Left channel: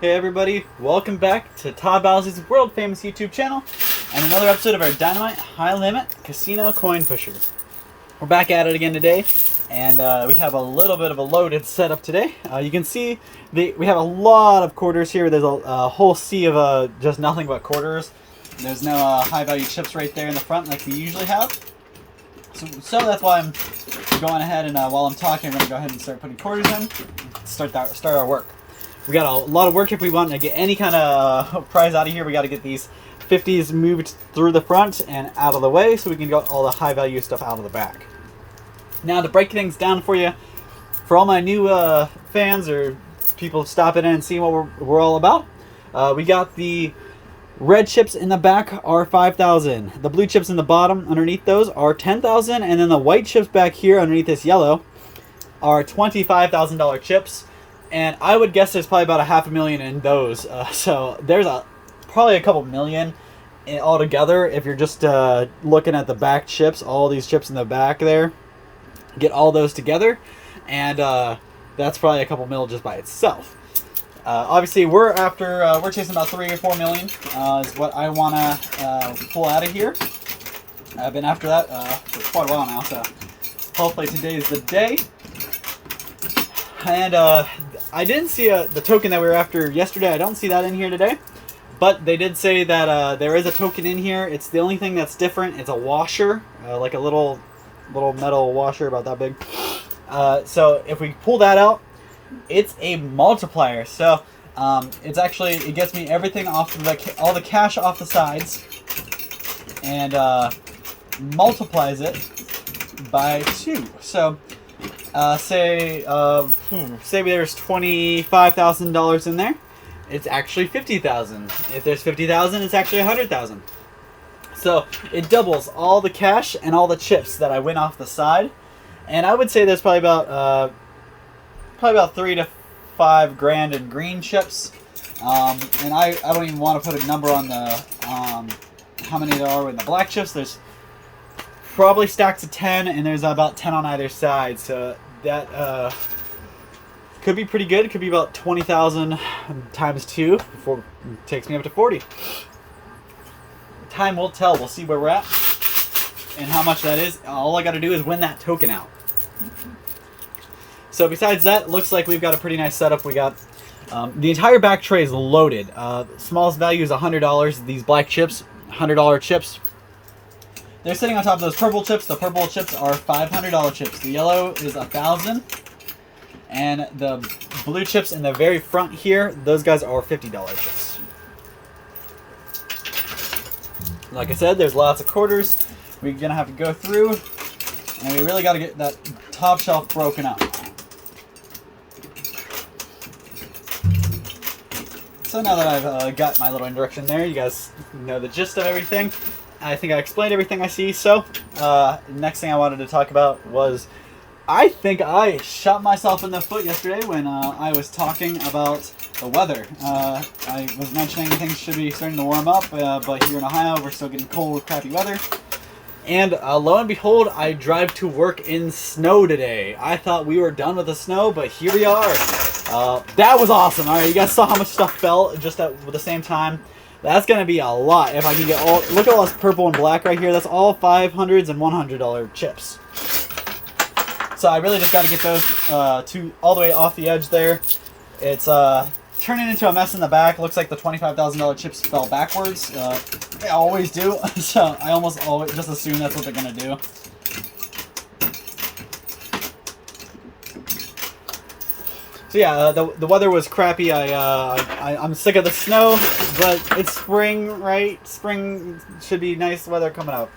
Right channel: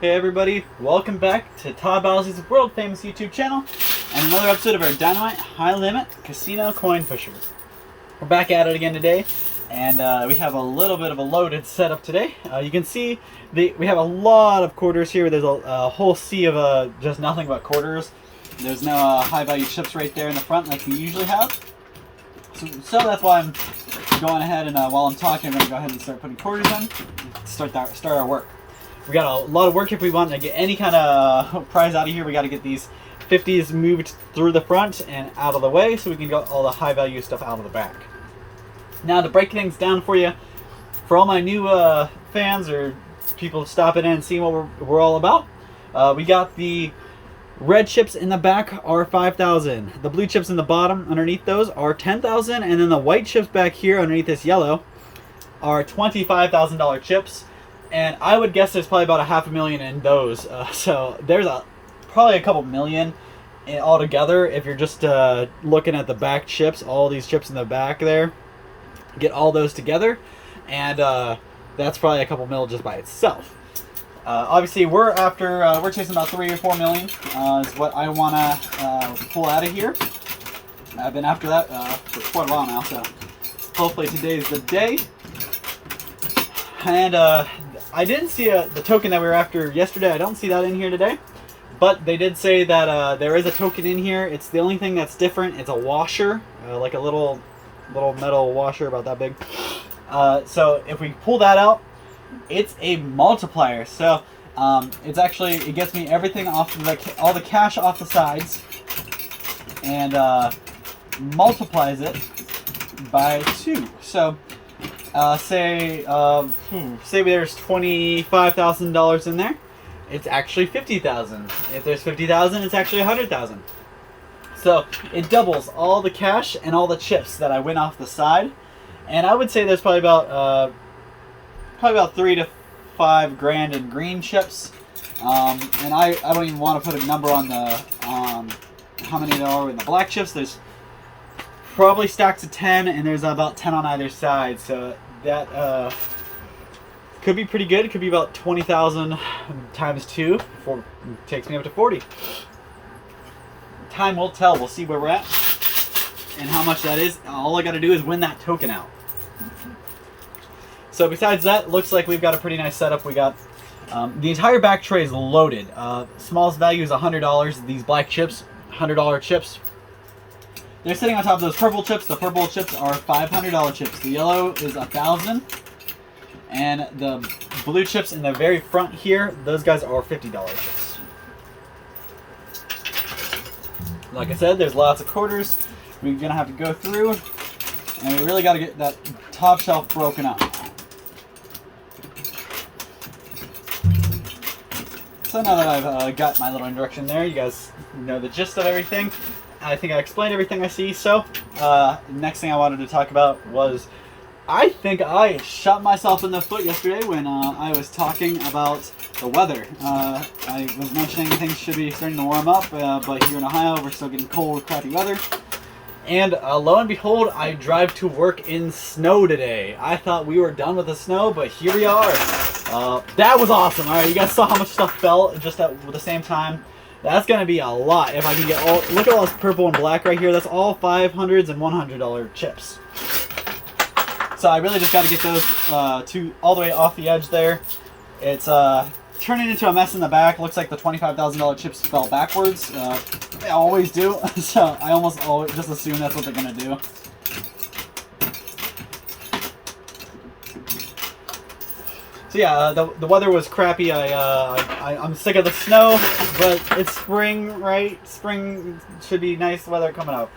Hey everybody, welcome back to Todd Bosley's world famous YouTube channel and another episode of our Dynamite High Limit Casino Coin Pusher. We're back at it again today, and we have a little bit of a loaded setup today. You can see we have a lot of quarters here. There's a whole sea of just nothing but quarters. There's no high value chips right there in the front like we usually have. So that's why I'm going ahead and while I'm talking, I'm going to go ahead and start putting quarters in, start our work. We got a lot of work if we want to get any kind of prize out of here. We got to get these 50s moved through the front and out of the way so we can get all the high value stuff out of the back. Now to break things down for you, for all my new fans or people stopping in and seeing what we're all about, we got the red chips in the back are 5,000. The blue chips in the bottom underneath those are 10,000, and then the white chips back here underneath this yellow are $25,000 chips. And I would guess there's probably about $500,000 in those. So there's probably a couple million altogether if you're just looking at the back chips, all these chips in the back there. Get all those together, and that's probably a couple mil just by itself. Obviously, we're chasing about 3 or 4 million is what I want to pull out of here. I've been after that for quite a while now, so hopefully today's the day. And I didn't see the token that we were after yesterday. I don't see that in here today, but they did say that there is a token in here. It's the only thing that's different. It's a washer, like a little metal washer about that big. So if we pull that out, it's a multiplier. So it gets me everything off all the cash off the sides, and multiplies it by 2. So say there's $25,000 in there, it's actually 50,000. If there's 50,000, it's actually 100,000. So it doubles all the cash and all the chips that I win off the side, and I would say there's probably about 3 to 5 grand in green chips. And I don't even want to put a number on the how many there are in the black chips. There's probably stacks of 10, and there's about 10 on either side, so that could be pretty good. It could be about 20,000 times 2 before it takes me up to 40. Time will tell. We'll see where we're at and how much that is. All I got to do is win that token out. So besides that, it looks like we've got a pretty nice setup. We got the entire back tray is loaded. Smallest value is $100. These black chips, $100 chips. They're sitting on top of those purple chips. The purple chips are $500 chips. The yellow is $1,000. And the blue chips in the very front here, those guys are $50 chips. Like I said, there's lots of quarters. We're going to have to go through, and we really got to get that top shelf broken up. So now that I've got my little introduction there, you guys know the gist of everything. I think I explained everything I see. So next thing I wanted to talk about was, I think I shot myself in the foot yesterday when I was talking about the weather. I was mentioning things should be starting to warm up, but here in Ohio we're still getting cold, crappy weather. And lo and behold, I drive to work in snow today. I thought we were done with the snow, but here we are. That was awesome. All right, you guys saw how much stuff fell just at the same time. That's going to be a lot if I can get all... Look at all this purple and black right here. That's all $500s and $100 chips. So I really just got to get those all the way off the edge there. It's turning into a mess in the back. Looks like the $25,000 chips fell backwards. They always do. So I almost always just assume that's what they're going to do. So yeah, the weather was crappy. I'm sick of the snow, but it's spring, right? Spring should be nice weather coming up.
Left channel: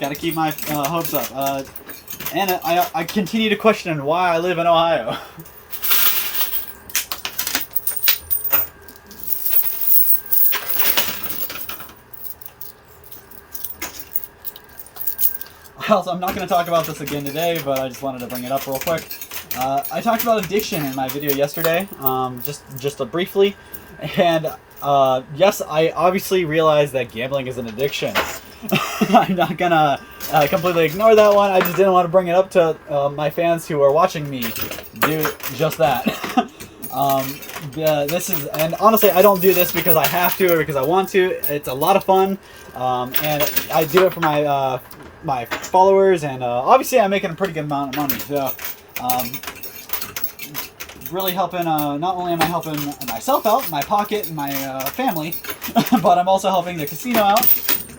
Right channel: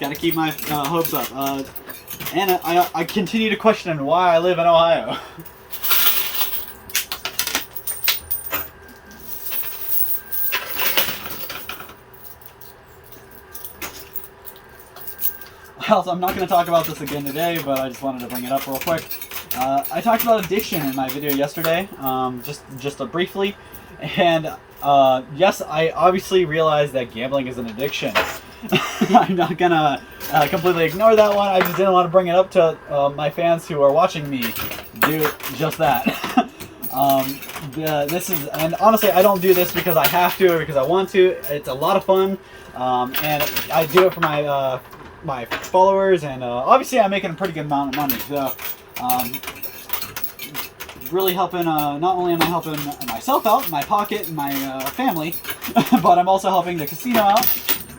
Got to keep my hopes up. And I continue to question why I live in Ohio. Also, I'm not going to talk about this again today, but I just wanted to bring it up real quick. I talked about addiction in my video yesterday, just briefly, and yes, I obviously realized that gambling is an addiction. I'm not gonna completely ignore that one. I just didn't want to bring it up to my fans who are watching me do just that. This is, and honestly, I don't do this because I have to or because I want to. It's a lot of fun, and I do it for my my followers, and obviously I'm making a pretty good amount of money. So, really helping. Not only am I helping myself out, my pocket, and my family, but I'm also helping the casino out.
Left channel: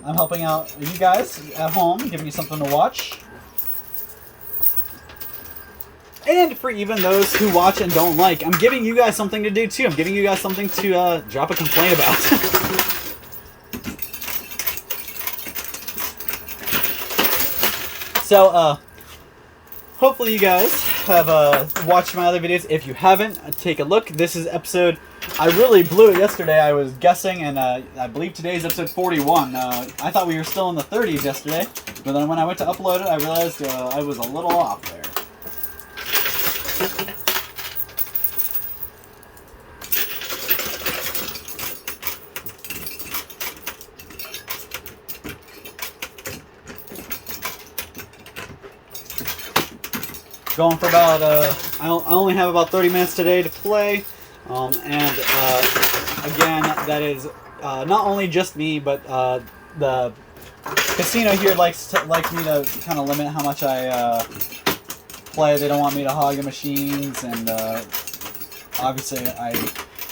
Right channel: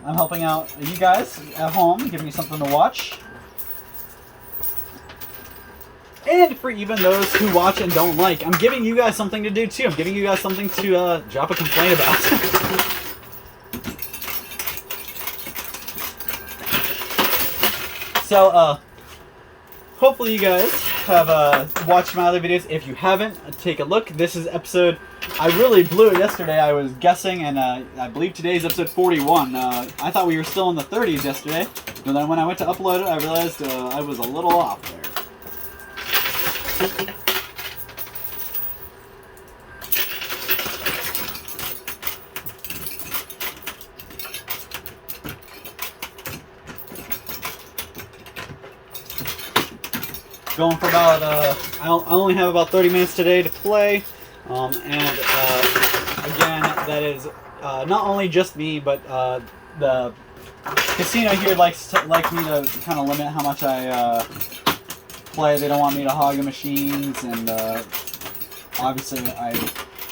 I'm helping out you guys at home, giving you something to watch. And for even those who watch and don't like, I'm giving you guys something to do too. I'm giving you guys something to drop a complaint about. So, hopefully you guys have watched my other videos. If you haven't, take a look. This is episode... I really blew it yesterday. I was guessing, and I believe today's episode 41. I thought we were still in the 30s yesterday, but then when I went to upload it, I realized I was a little off there. Going for about, I only have about 30 minutes today to play, and again, that is not only just me, but the casino here likes me to kind of limit how much I play. They don't want me to hog the machines, and obviously I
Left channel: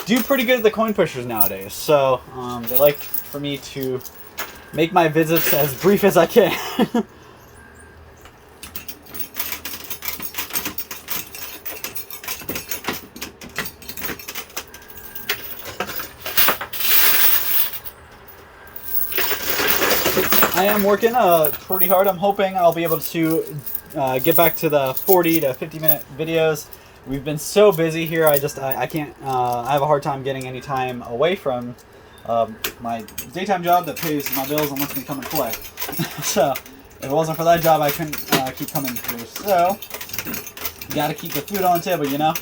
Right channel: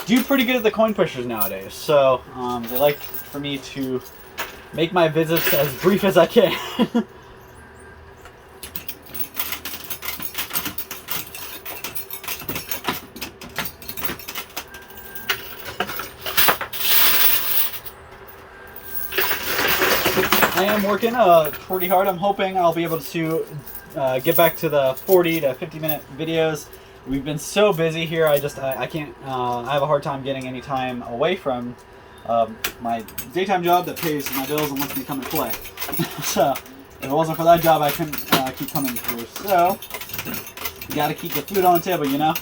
do pretty good at the coin pushers nowadays, so they like for me to make my visits as brief as I can. I am working pretty hard. I'm hoping I'll be able to get back to the 40 to 50 minute videos. We've been so busy here. I can't. I have a hard time getting any time away from my daytime job that pays my bills and lets me come and play. So if it wasn't for that job, I couldn't keep coming through. So you got to keep the food on the table, you know.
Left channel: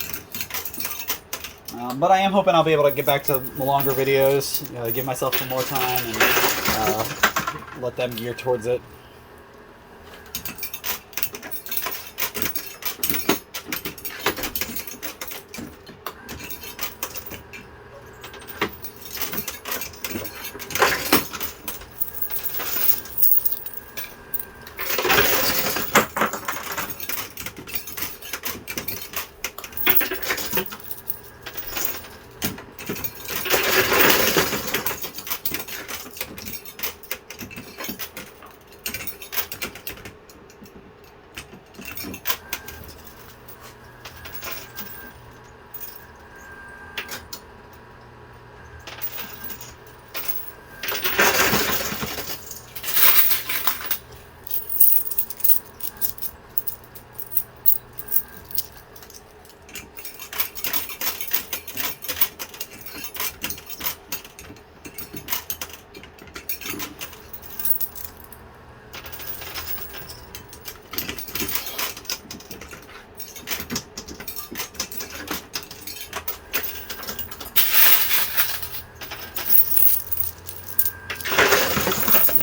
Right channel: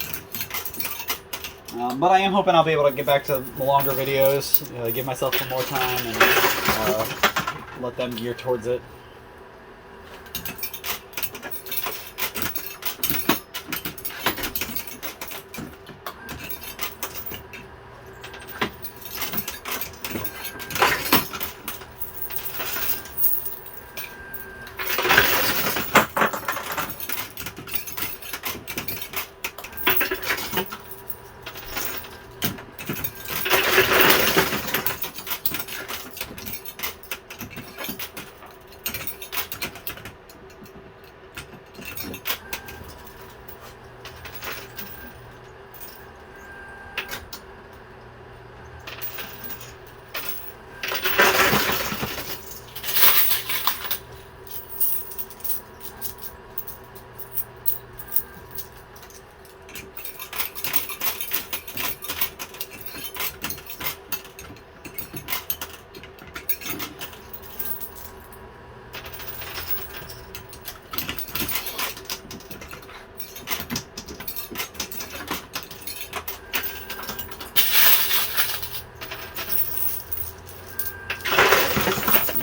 But I am hoping I'll be able to get back to the longer videos, give myself some more time, and let them gear towards it.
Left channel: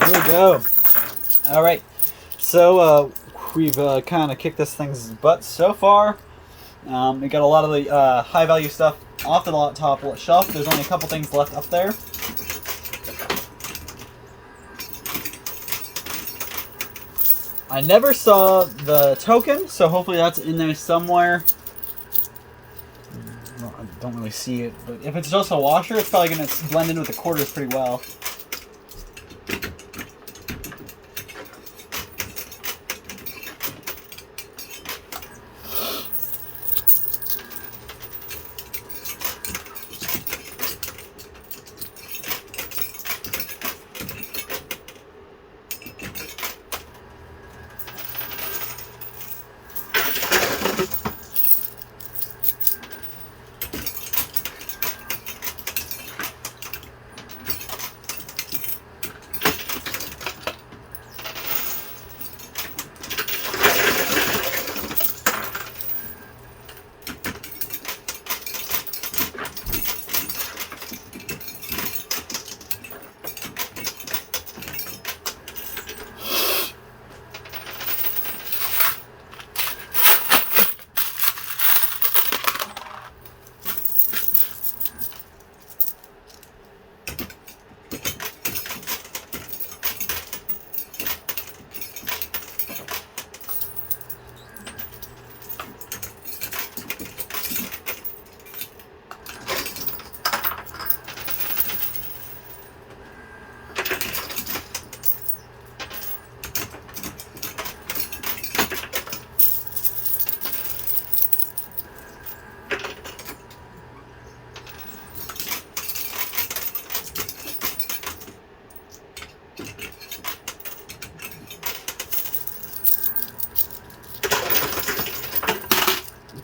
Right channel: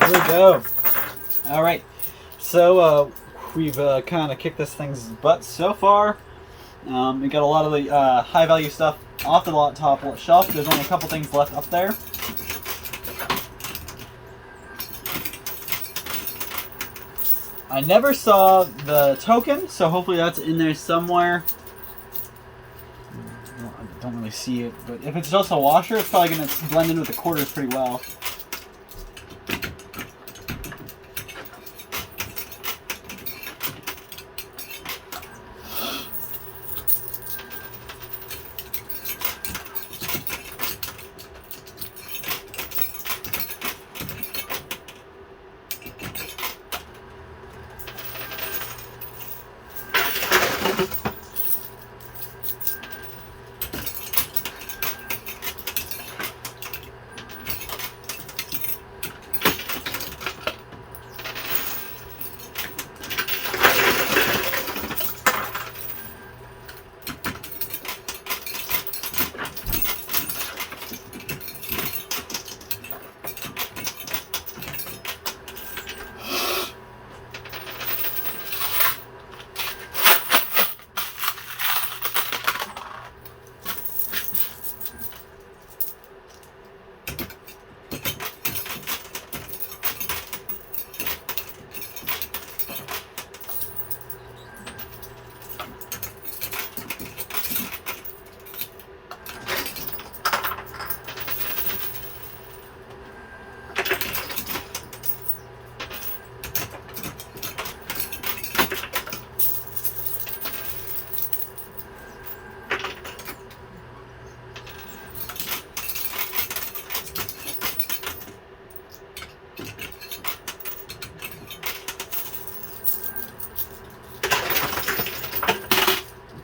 There we go. All right, so we've kind of kicked this thing's butt so far. We got a lot of the high value stuff off the top shelf. There's only a couple things left up there. I never saw the token, so hopefully that's in there somewhere. Well, I don't really see it, but if it's just a washer, it's probably going to blend in with the quarters pretty well.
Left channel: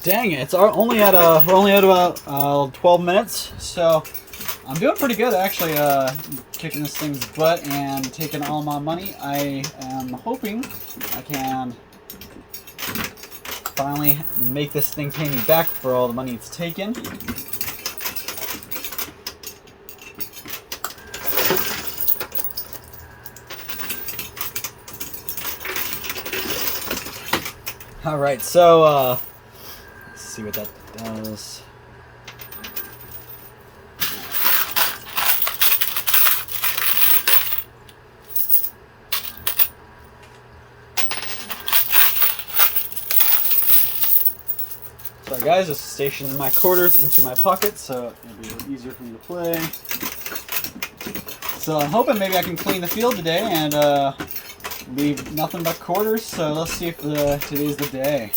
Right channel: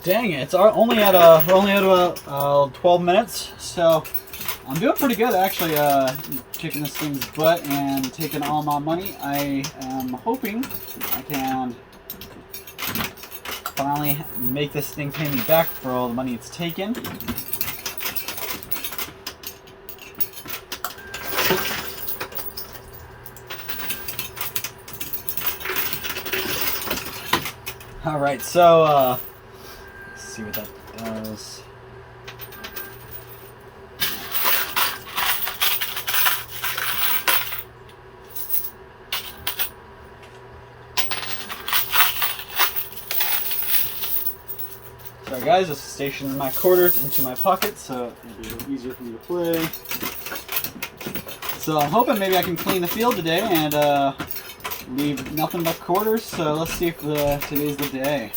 Dang it! We're only at about 12 minutes, so I'm doing pretty good actually. Kicking this thing's butt and taking all my money. I am hoping I can finally make this thing pay me back for all the money it's taken. All right, so let's see what that does. Sorry guys, just stationed my quarters into my pocket so it'll be a little easier for me to play. So I'm hoping maybe I can clean the field today and leave nothing but quarters, so let's see if today's the day.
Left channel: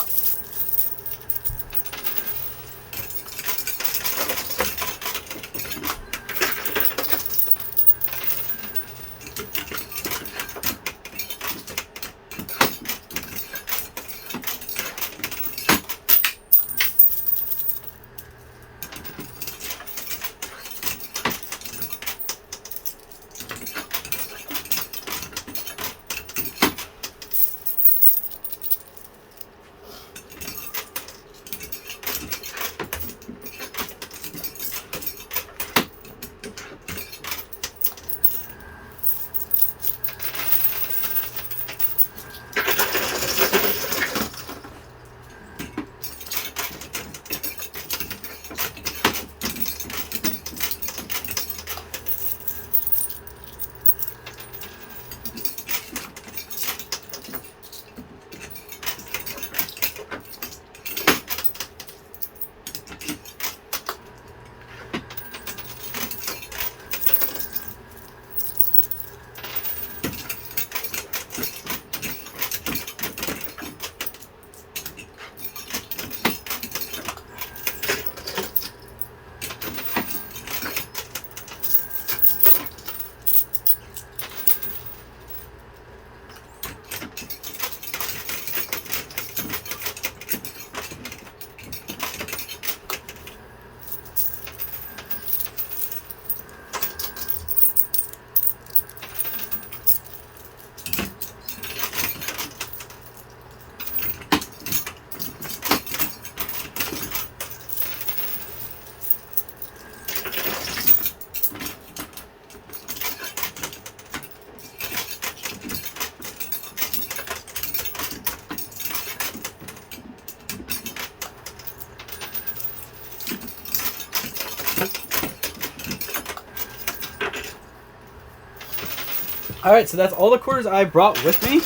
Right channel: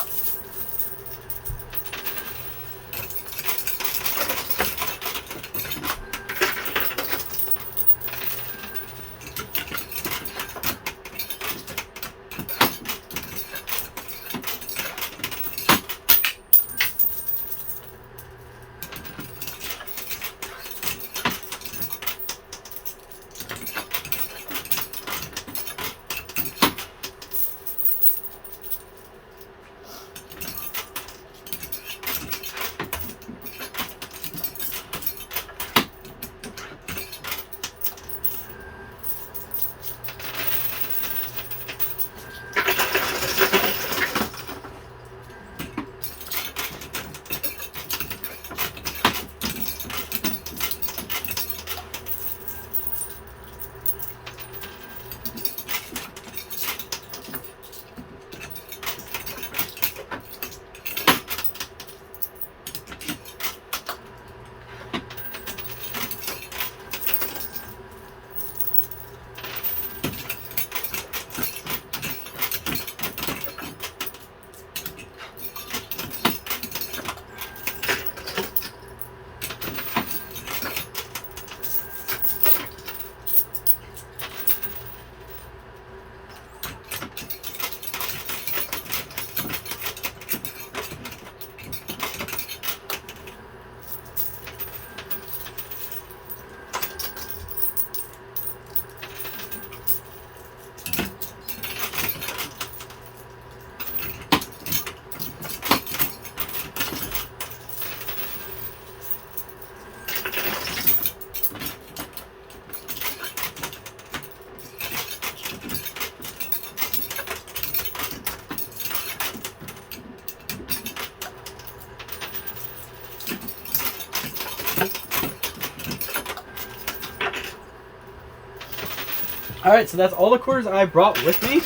Alright, so that's all the quarters I brought with me.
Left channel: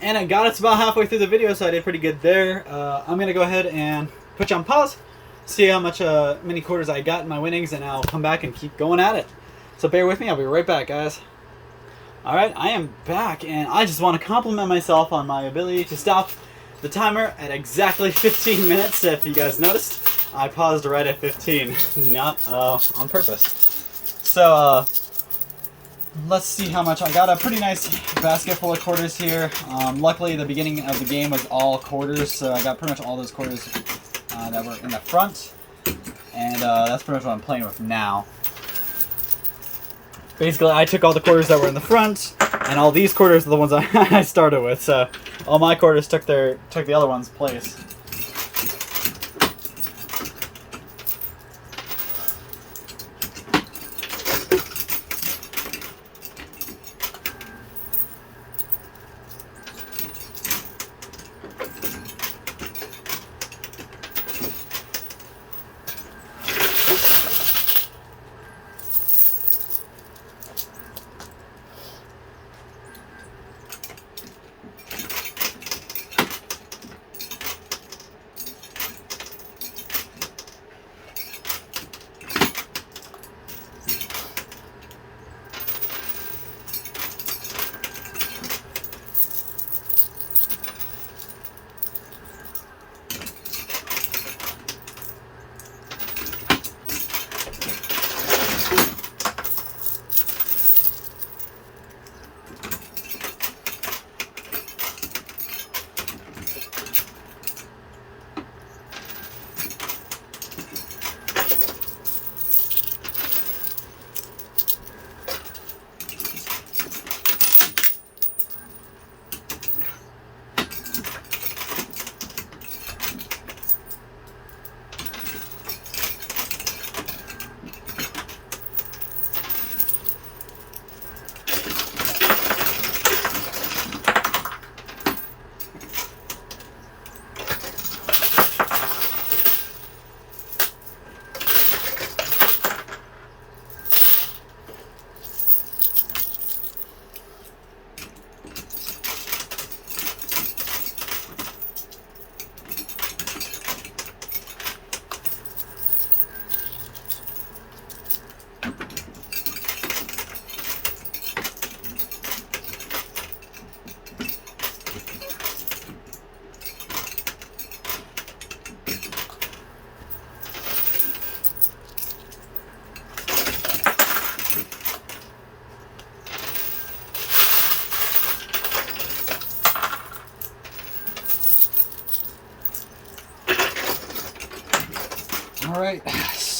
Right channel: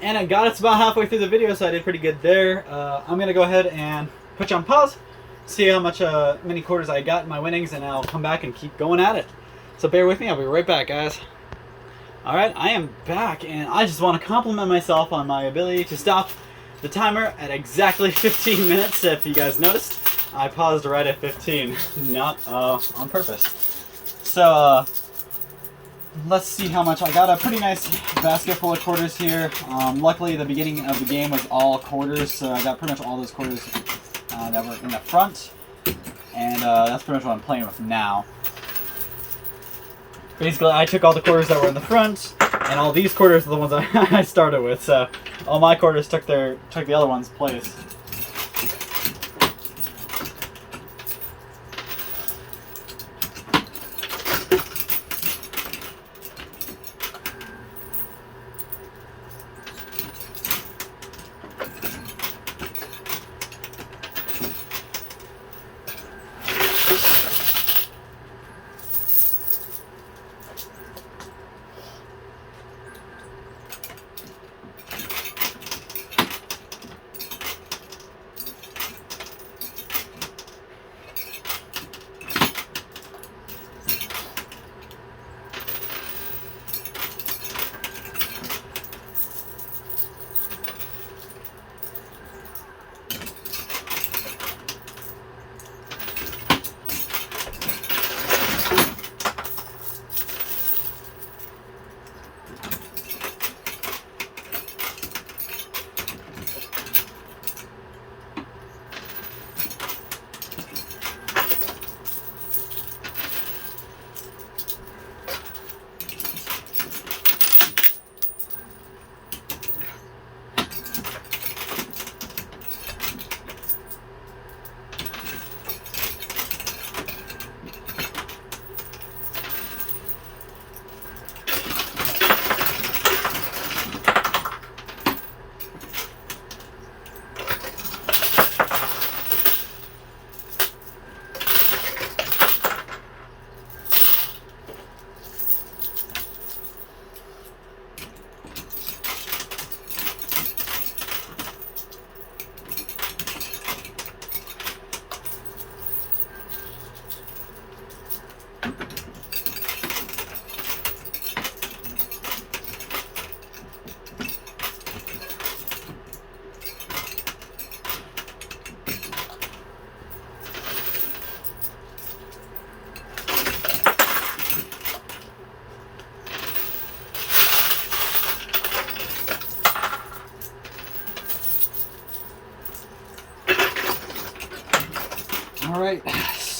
And I got us about halfway through the video, so I did pretty good there. I'm going to go ahead and put you on pause, see how much many quarters I got in my winnings, and I'll come back and keep going at it. So bear with me, I'll be right back, guys. Alright, I am back, and I just want to compliment myself on my ability to stop the timer at exactly 15 minutes. If you guys noticed, I paused right at 15, not on purpose. So, let's see how much. I got a pretty nice basket full of quarters here. Luckily, the beginning of the game was all quarters, so I got pretty much all those quarters that were in the front. And that's pretty much what I'm playing with now. Basically, I took all the quarters that were in the front, and all these quarters are the ones I started with. So all my quarters took the other one's place.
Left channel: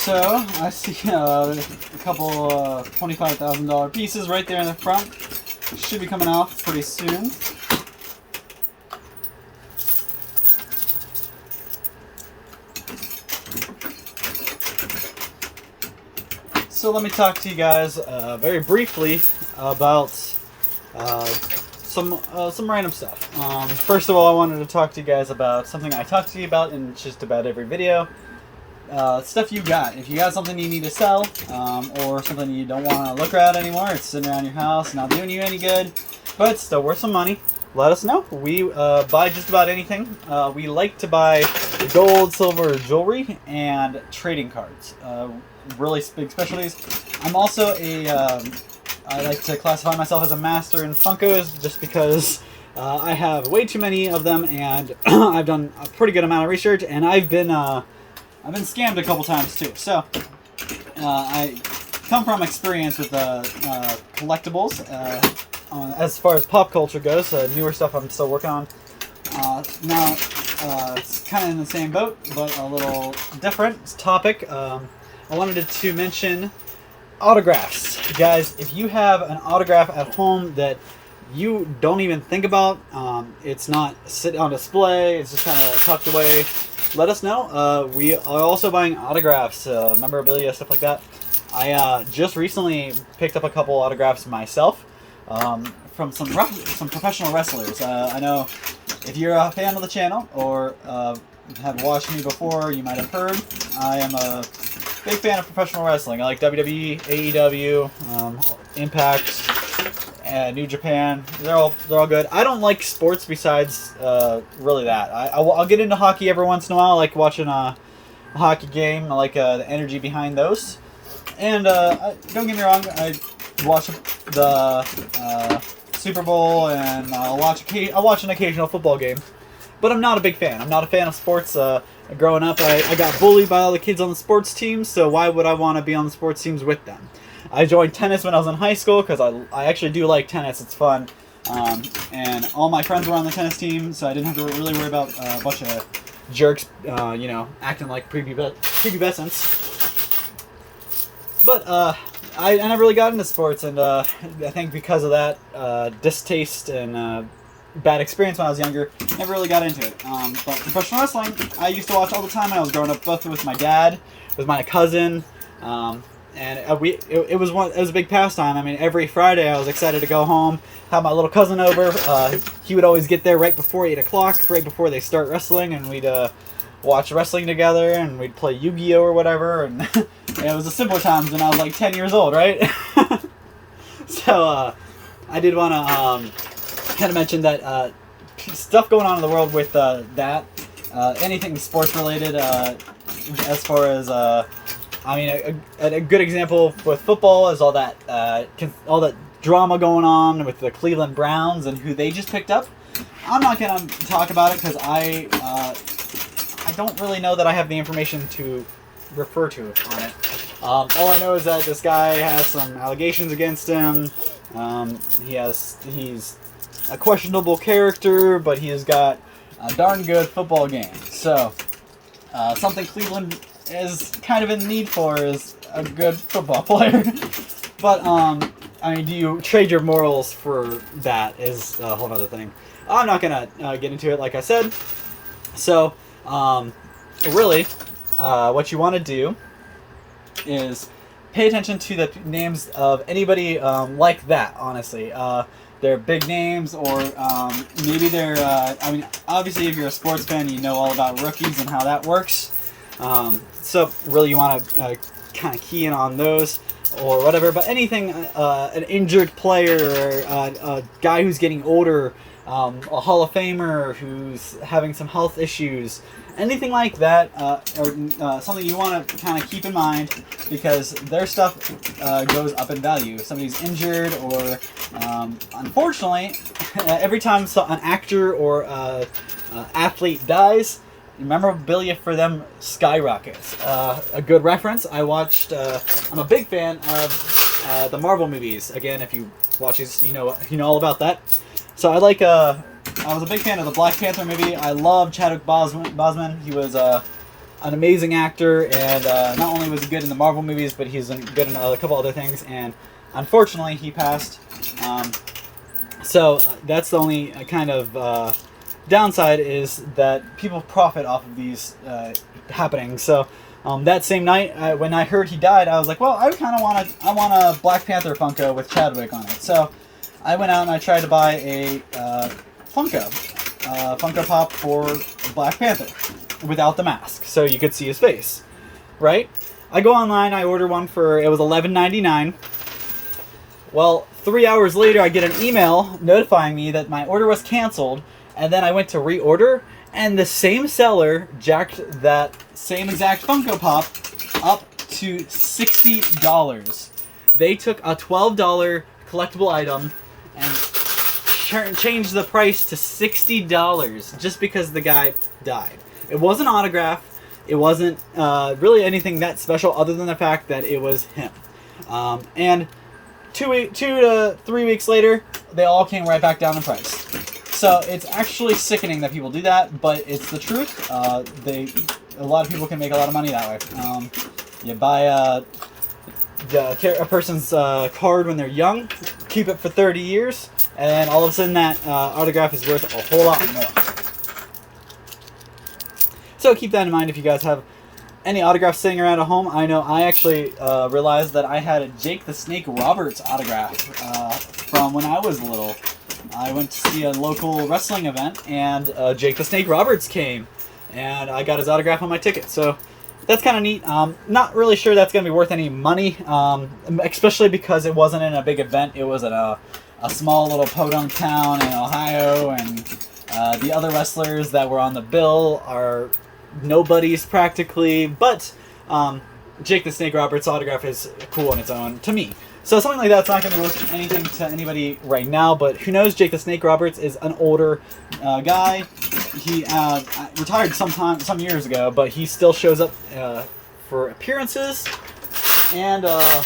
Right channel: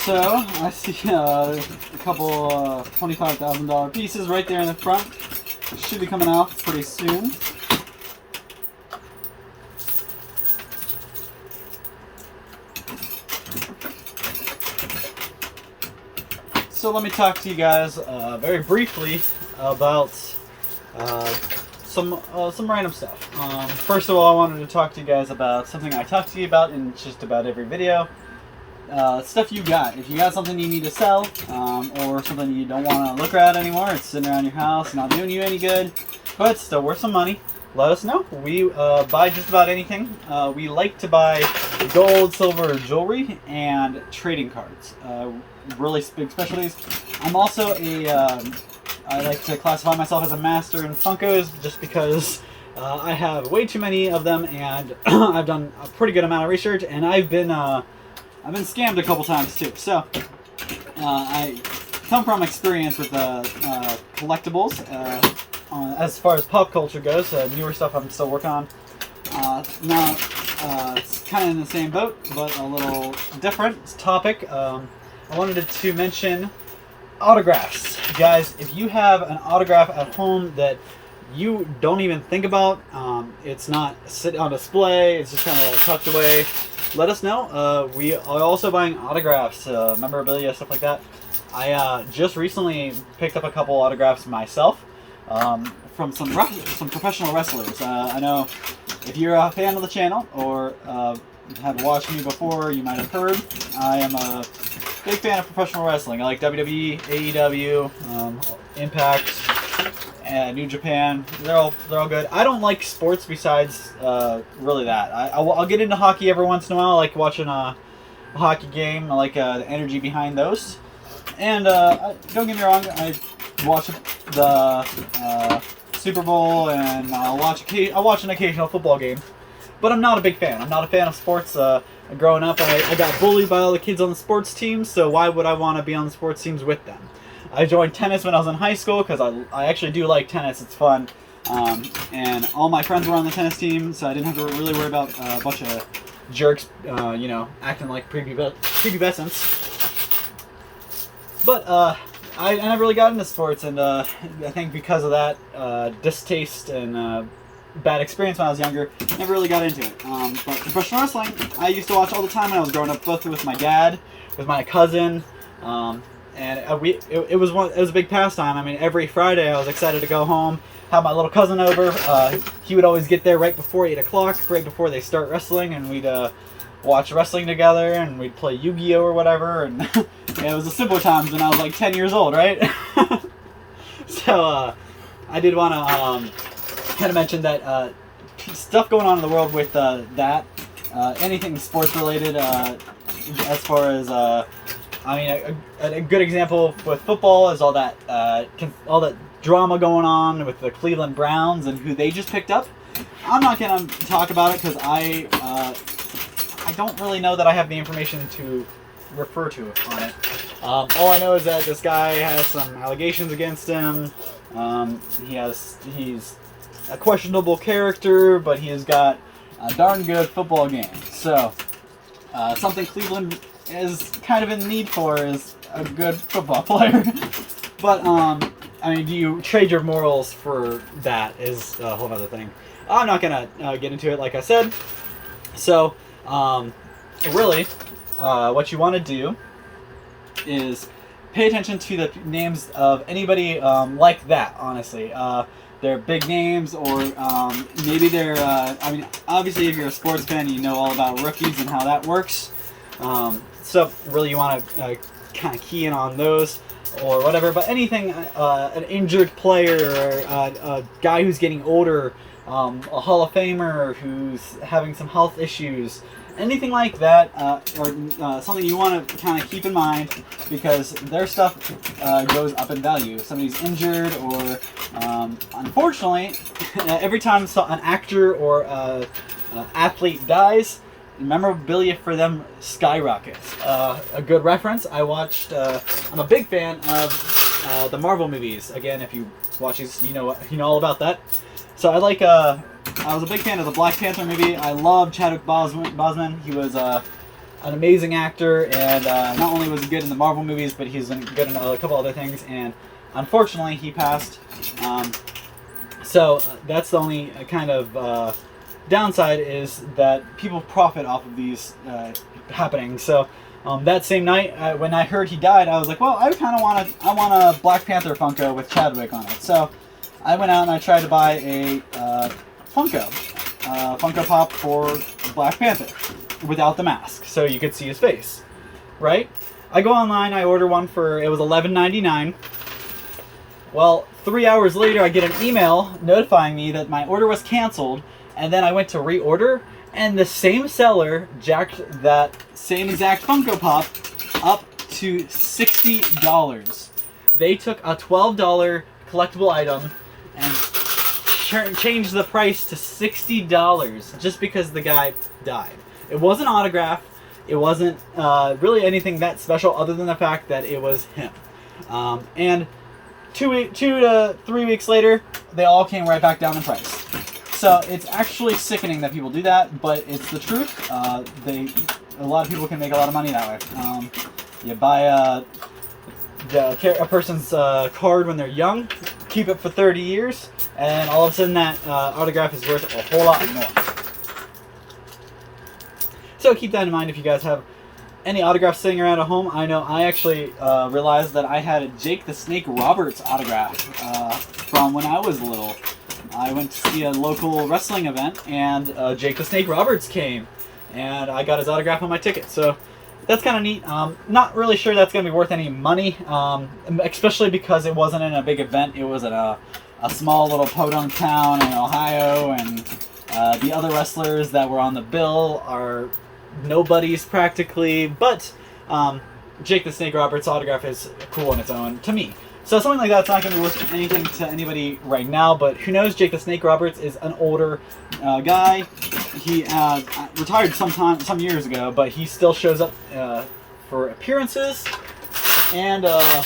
So I see a couple $25,000 pieces right there in the front. Should be coming off pretty soon. So let me talk to you guys very briefly about some random stuff. First of all, I wanted to talk to you guys about something I talk to you about in just about every video. Stuff you got. If you got something you need to sell, or something you don't want to look at anymore, it's sitting around your house, not doing you any good, but still worth some money, let us know. We buy just about anything. We like to buy gold, silver, jewelry, and trading cards. Really big specialties. I'm also I like to classify myself as a master in Funkos, just because I have way too many of them, and I've done a pretty good amount of research, and I've been scammed a couple times too. So I come from experience with collectibles. As far as pop culture goes, newer stuff I'm still working on. Now it's kind of in the same boat, but a little different topic. I wanted to mention autographs. Guys, if you have an autograph at home that you don't even think about, it's not sitting on display, it's just kind of tucked away, let us know. We are also buying autographs, memorabilia, stuff like that. I just recently picked up a couple autographs myself from some professional wrestlers. I know if you're a fan of the channel or have watched me before, you might have heard I am a big fan of professional wrestling. I like WWE, AEW, Impact, and New Japan. They're all good. I don't like sports besides really that. I'll get into hockey every once in a while. I like watching a hockey game. I like the energy behind those. And don't get me wrong, I watch the Super Bowl, and I'll watch an occasional football game. But I'm not a big fan. I'm not a fan of sports. Growing up, I got bullied by all the kids on the sports teams, so why would I want to be on the sports teams with them? I joined tennis when I was in high school because I actually do like tennis. It's fun. And all my friends were on the tennis team, so I didn't have to really worry about a bunch of jerks, acting like prepubescents. But I never really got into sports, and I think because of that distaste and bad experience when I was younger, never really got into it. But professional wrestling, I used to watch all the time when I was growing up, both with my dad, with my cousin, and it was a big pastime. I mean, every Friday I was excited to go home, have my little cousin over. He would always get there right before 8 o'clock, right before they start wrestling, and we'd watch wrestling together, and we'd play Yu-Gi-Oh or whatever. And it was the simpler times when I was like 10 years old, right? So I did want to kind of mention that stuff going on in the world with that, anything sports related, as far as I mean, a good example with football is all that drama going on with the Cleveland Browns and who they just picked up. I'm not gonna talk about it because I don't really know that I have the information to refer to on it. All I know is that this guy has some allegations against him. He's a questionable character, but he has got a darn good football game. So, something Cleveland is kind of in need for is a good football player. But, I mean, do you trade your morals for that is a whole other thing. I'm not going to get into it, like I said. So, really, what you want to do is pay attention to the names of anybody like that, honestly. They're big names, or maybe they're, I mean, obviously if you're a sports fan, you know all about rookies and how that works. So really you want to kind of key in on those or whatever, but anything, an injured player, or a guy who's getting older, a Hall of Famer who's having some health issues, anything like that, or something you want to kind of keep in mind, because their stuff goes up in value. If somebody's injured, or unfortunately, every time an actor or athlete dies, memorabilia for them skyrockets. A good reference, I watched, I'm a big fan of the Marvel movies. Again, if you watch these, you know all about that. So I like, I was a big fan of the Black Panther movie. I love Chadwick Boseman. He was an amazing actor, and not only was he good in the Marvel movies, but he's good in a couple other things. And unfortunately, he passed. So that's the only kind of downside, is that people profit off of these happenings. So that same night, when I heard he died, I was like, well, I kind of want a Black Panther Funko with Chadwick on it. So I went out and I tried to buy a Funko Pop for Black Panther without the mask, so you could see his face, right? I go online, I order one it was $11.99. Well, 3 hours later, I get an email notifying me that my order was canceled, and then I went to reorder, and the same seller jacked that same exact Funko Pop up to $60. They took a $12 collectible item and changed the price to $60 just because the guy died. It wasn't autographed. It wasn't really anything that special other than the fact that it was him. And 2 to 3 weeks later, they all came right back down the price. So it's actually sickening that people do that, but it's the truth. A lot of people can make a lot of money that way. You buy a person's card when they're young, keep it for 30 years, and all of a sudden that autograph is worth a whole lot more. So keep that in mind if you guys have any autographs sitting around at home. I know I actually realized that I had a Jake the Snake Roberts autograph from when I was little. I went to see a local wrestling event, and Jake the Snake Roberts came, and I got his autograph on my ticket. So that's kind of neat. Not really sure that's going to be worth any money, especially because it wasn't in a big event. It was at a small little podunk town in Ohio, and the other wrestlers that were on the bill are nobodies practically, but Jake the Snake Roberts autograph is cool on its own to me. So something like that's not going to be worth anything to anybody right now, but who knows? Jake the Snake Roberts is an older guy. He retired some years ago, but he still shows up for appearances, and I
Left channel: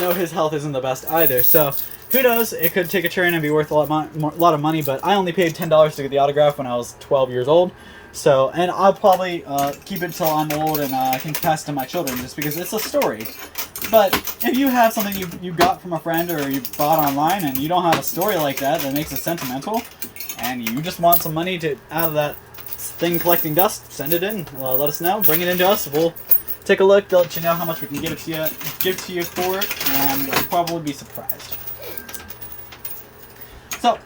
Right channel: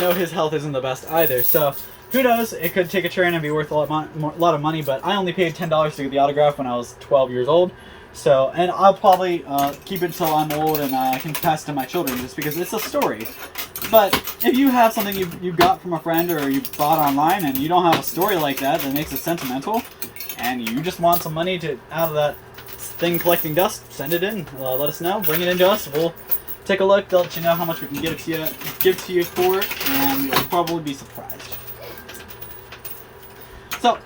know his health isn't the best either, so who knows? It could take a turn and be worth a lot of money, but I only paid $10 to get the autograph when I was 12 years old. So, and I'll probably keep it until I'm old and I can pass it to my children, just because it's a story. But if you have something you got from a friend or you bought online and you don't have a story like that makes it sentimental, and you just want some money out of that thing collecting dust, send it in. Let us know. Bring it into us. We'll take a look. They'll let you know how much we can give to you for it, and you'll probably be surprised. So,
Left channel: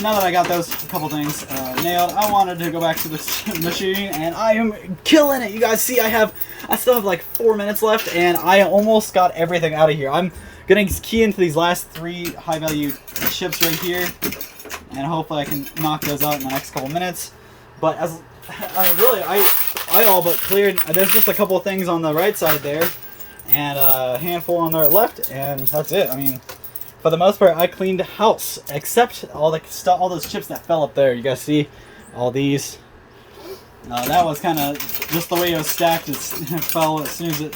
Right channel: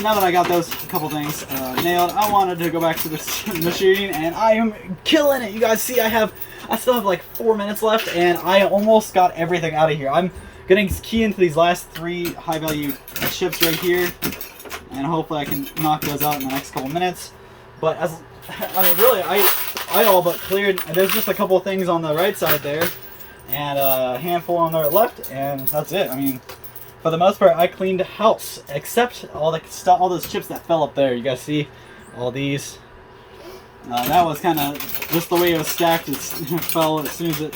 now that I got those couple things nailed, I wanted to go back to this machine, and I am killing it. You guys see, I still have like 4 minutes left, and I almost got everything out of here. I'm gonna key into these last 3 high-value chips right here, and hopefully I can knock those out in the next couple minutes. But I all but cleared. There's just a couple of things on the right side there, and a handful on the left, and that's it. I mean, for the most part, I cleaned house, except all those chips that fell up there. You guys see all these? That was kind of just the way it was stacked. It fell as soon as it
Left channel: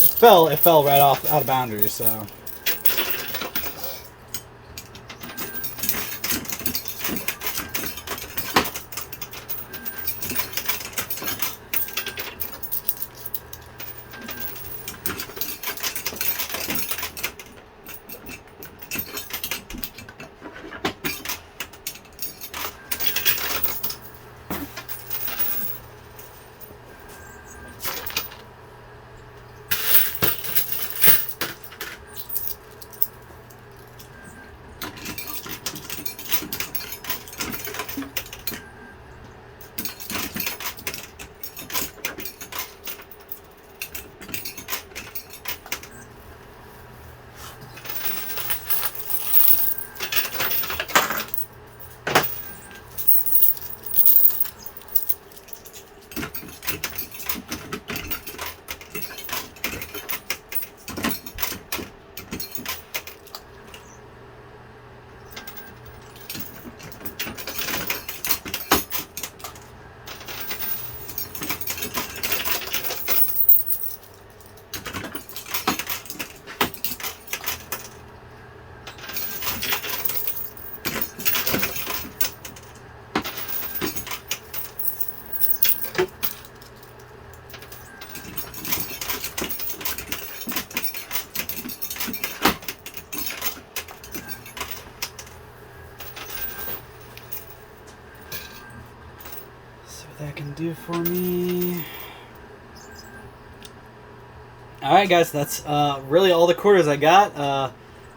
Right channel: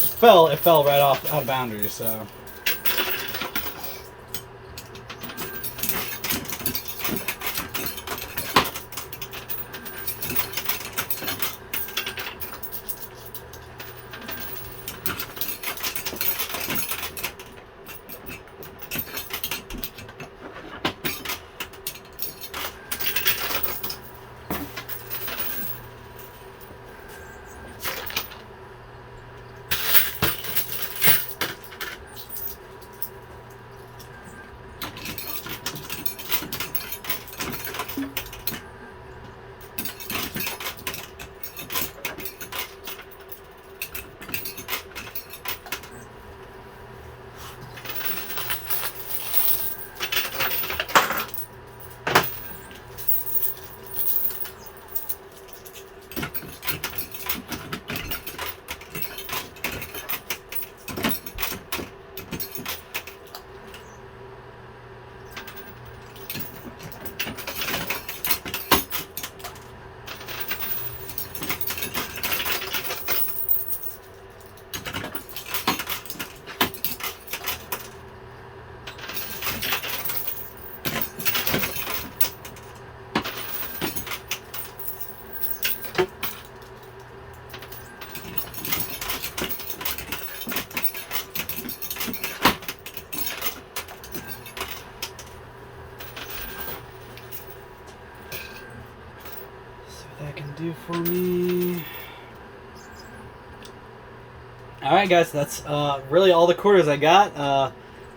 fell. It fell right out of boundaries. So. that can do for me. Alright guys, that's really all the quarters I got,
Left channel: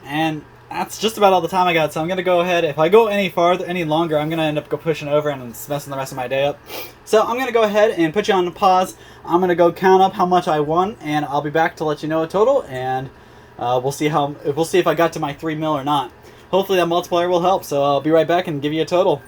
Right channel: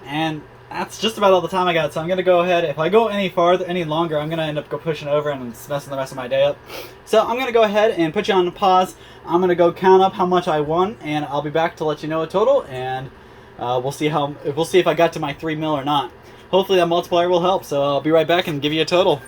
and that's just about all the time I got, so I'm going to go ahead. If I go any farther, any longer, I'm going to end up pushing over and it's messing the rest of my day up. So I'm going to go ahead and put you on pause. I'm going to go count up how much I won, and I'll be back to let you know a total, and we'll see if I got to my 3 mil or not. Hopefully that multiplier will help, so I'll be right back and give you a total.